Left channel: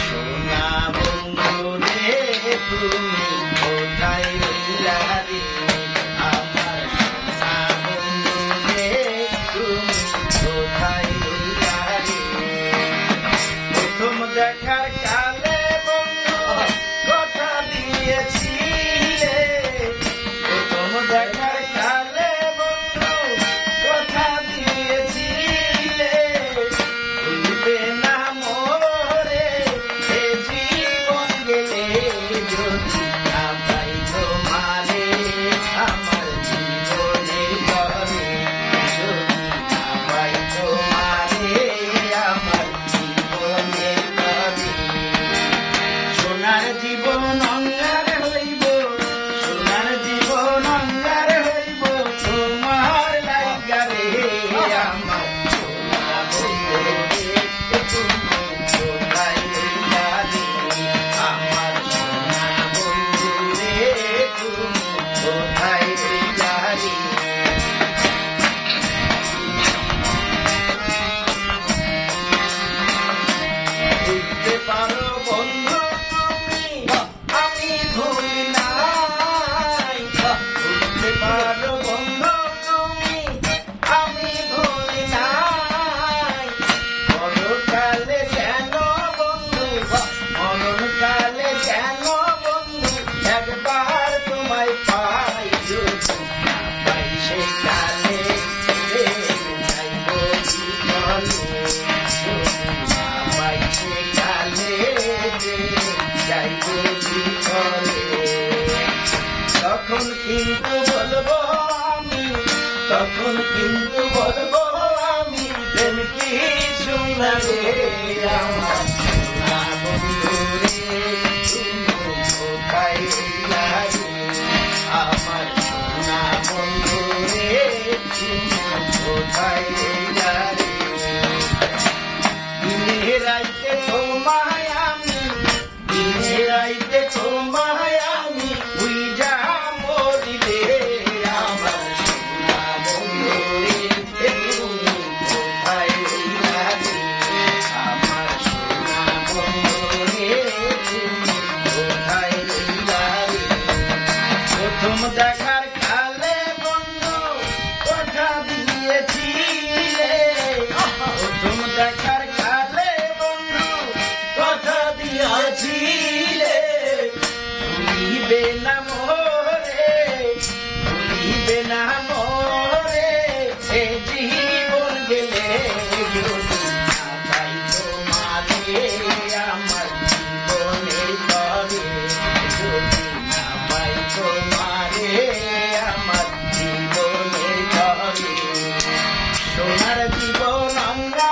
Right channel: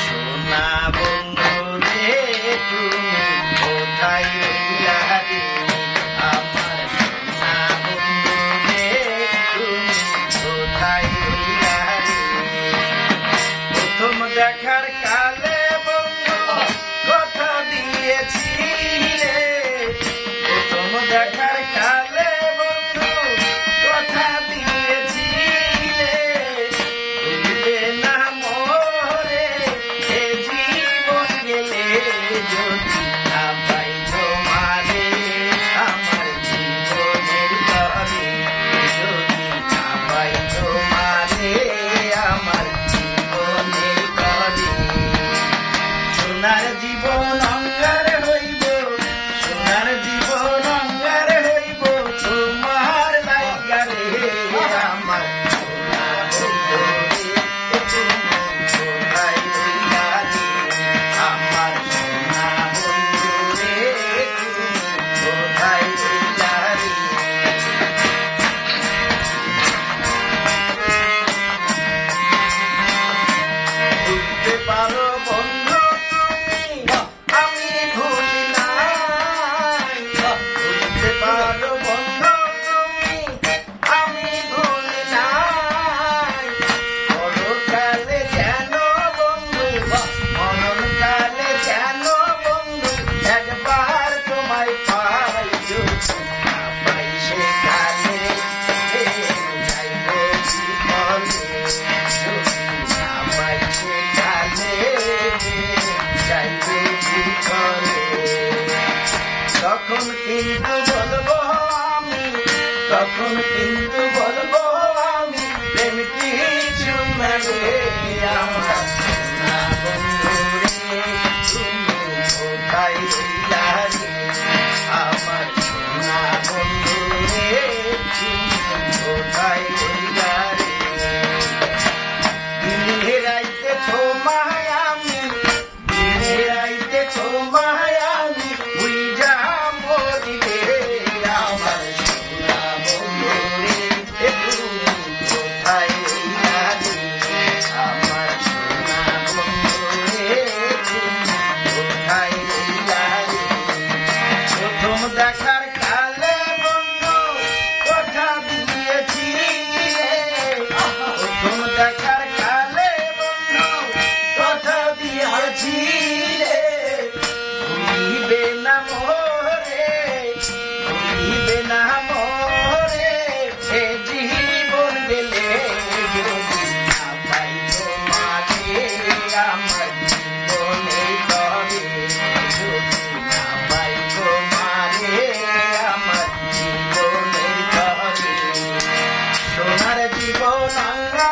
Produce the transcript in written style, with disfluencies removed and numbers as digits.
সোনা বন্ধু রে তুমি কোথায় রইলা রে আমার সোনা বন্ধু রে তুমি কোথায় রইলা রে প্রথম দেখার কালে বন্ধু কথা দিয়েছিলে প্রথম দেখার কালে বন্ধু কথা দিয়েছিলে ভুলবে না মোরে এ জীবন গেলে যদি না পাই তোমারে আমার জীবনের তরে যদি না পাই তোমারে আমার জীবনের তরে সোনার জীবন অঙ্গার হইব সোনার জীবন অঙ্গার হইব তোমার লাগা রে আমার সোনা বন্ধু রে তুমি কোথায় রইলা রে আমার সোনা বন্ধু রে তুমি কোথায় রইলা রে বুঝতে পারো বন্ধু তুমি আমি ভুল নাই বুঝতে পারো বন্ধু তুমি আমি ভুল নাই মরণকালে যেন বন্ধু মরণকালে যেন বন্ধু একবার তোমায় পাই যদি না পাই সেকালে যাইব জীবনে যদি না পাই সেকালে যাইব জীবনে তখন কিন্তু বলবো আমি তখন কিন্তু বলবো আমি প্রেম কিছু না রে আমার সোনা বন্ধু রে তুমি কোথায় রইলা রে আমার সোনা বন্ধু রে তুমি কোথায় রইলা রে দিনে রাইতে তোমায় আমি দিনে রাইতে তোমায় আমি উইজা মরি রে আমার সোনা বন্ধু রে তুমি কোথায় রইলা রে আমার সোনা বন্ধু রে তুমি কোথায় রইলা রে প্রথম দেখার কালে বন্ধু কথা দিয়েছিলে প্রথম দেখার কালে বন্ধু কথা দিয়েছিলে ভুলিবে না মোরে ভুলিবে না মোরে এ জীবন গেলে যদি না পাই তোমারে আমার জীবনের তরে যদি না পাই তোমারে আমার জীবনের তরে সোনার জীবন অঙ্গা